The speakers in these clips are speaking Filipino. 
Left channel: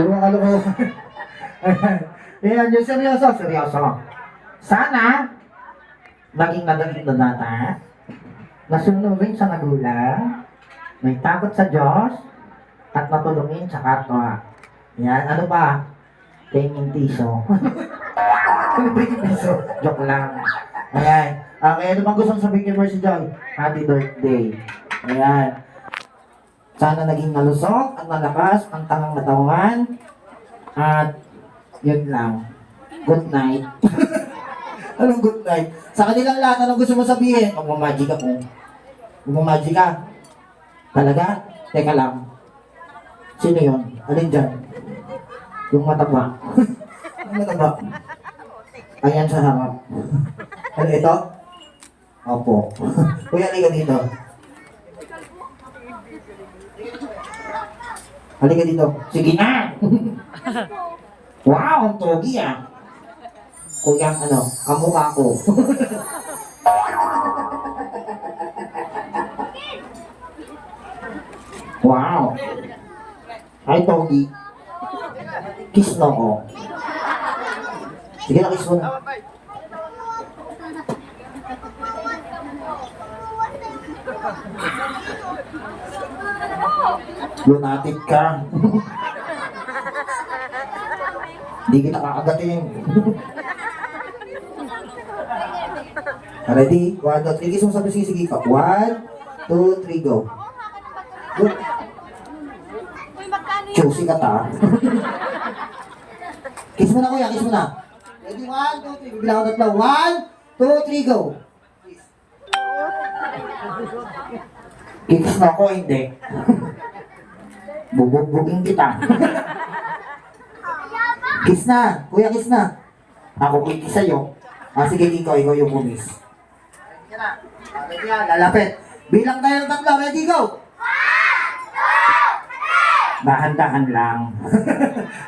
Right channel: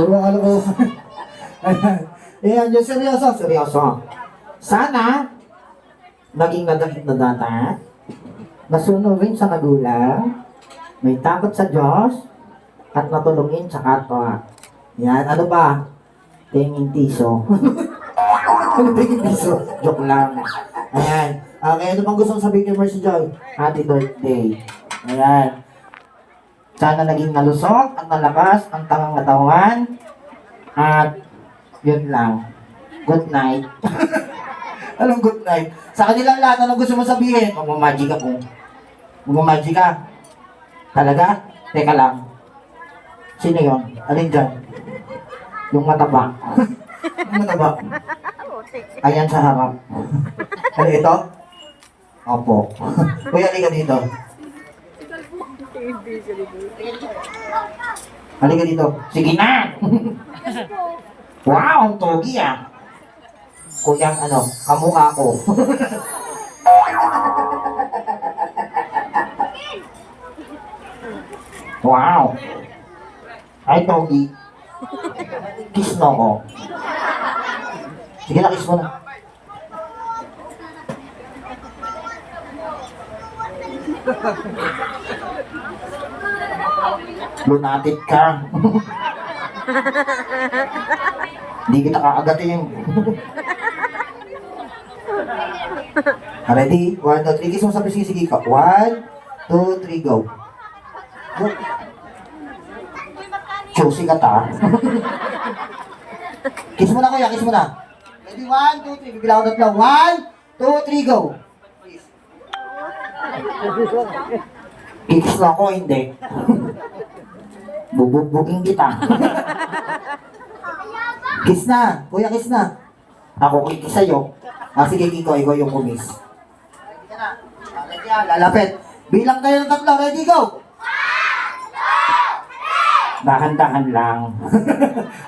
Yung ano ko. Ayan, yung seryoso, seryoso. Sana, maging magaling na data, nasunurin sa magulang, may takot sa Diyos, at natulungin sa kapwa. Yan, ano pa? Tingin piso. Ano tingin piso? Joke lang. Ayan. Okay, ano bang gustong sabihin kay Mercy Joy? Happy birthday. Ayan. Sana naging malusog at malakas ang tangang katawan. At yun lang. Good night. Anong good night? Sa kanilang lahat, anong gusto mo sabihin? Magmamagic ako. Magmamagic ka. Talaga? Teka lang. Sino yun? Alin dyan? Yung mataba. Yung mataba. Ayan sa harap. Ano ito? Opo. Kuya, halika dito. Halika dito. Sige na! Wow, ang togi ah. Kuya, ano, kamukha ko. Wow. Ay, togi. Kiss mo ko. Sige na, kiss mo na. Lunatic ka. Hindi kita kakagatin. Ready? 1, 2, 3. Kiss mo sa pisngi. Sige ka. 1, 2, 3, go. Go. Choosy ka ta. Kiss mo na kuya, kiss mo na. Ready? 1, 2, 3. Bibilang ko tatlo. 1, 2, 3, go. Kiss mo ako, hindi. Bubugbugin kita. Kiss na. Kuya, kiss na. Ako kikis sa'yo. Sige, Kiko, ikaw yung kumis. Ready ka na. Ready na, lalapit. Bilang tayo ng tatlo. Ready, go. Dahan-dahan lang.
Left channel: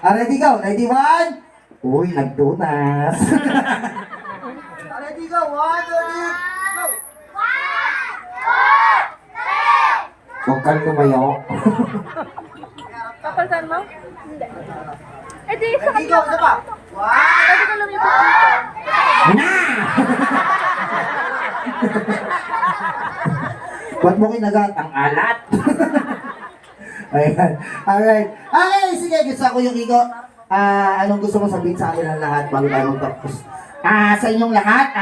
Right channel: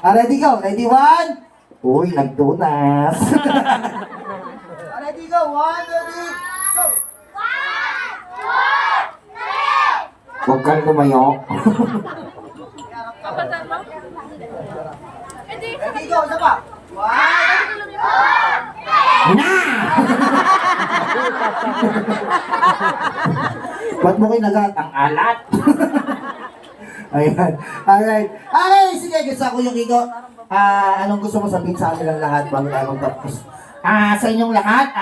Ready, go. Ready, 1. Uy, nagtunas. Ready, go. 1, 2, 3, go. Huwag kang lumayo. Kapaltan mo? Eh di, sa Ready, go. Isa pa. 1. Na! Ba't mo kinagat? Ang alat. Ayan. Alright. Okay, sige. Gusto ko yung Igo. Anong gusto mo sabihin sa kanilang lahat bago tayo magtapos? Sa inyong lahat,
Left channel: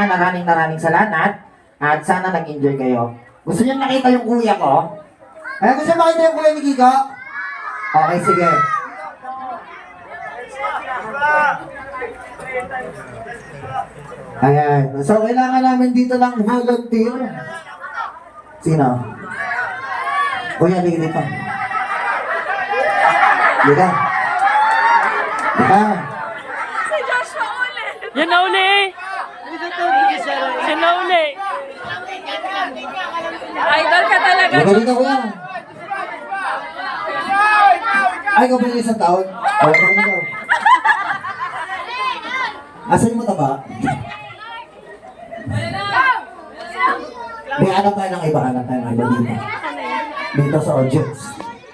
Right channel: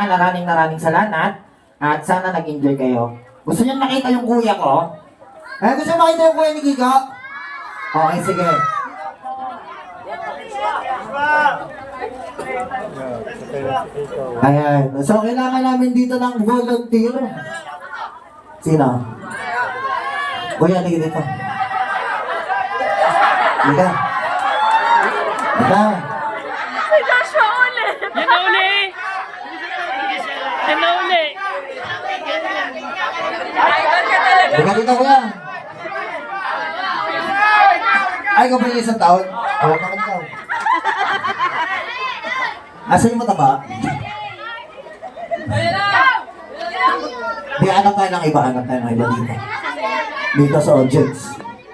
maraming salamat. At sana nag-enjoy kayo. Gusto niyo nakita yung kuya ko? Gusto niyo makita yung kuya ni Kiko? Okay, sige. Ayan. So, kailangan namin dito ng volunteer. Sino? Kuya, halika dito. Halika. Halika. Yan na uli! Yan na uli! Idol ka talaga! Halika dito, kuya. Ay, ikaw ba yung isang taon? Tawag naman ikaw. Asa yung mataba? May hanap tayo ng iba. Hanap tayo ng iba dito. Dito sa audience.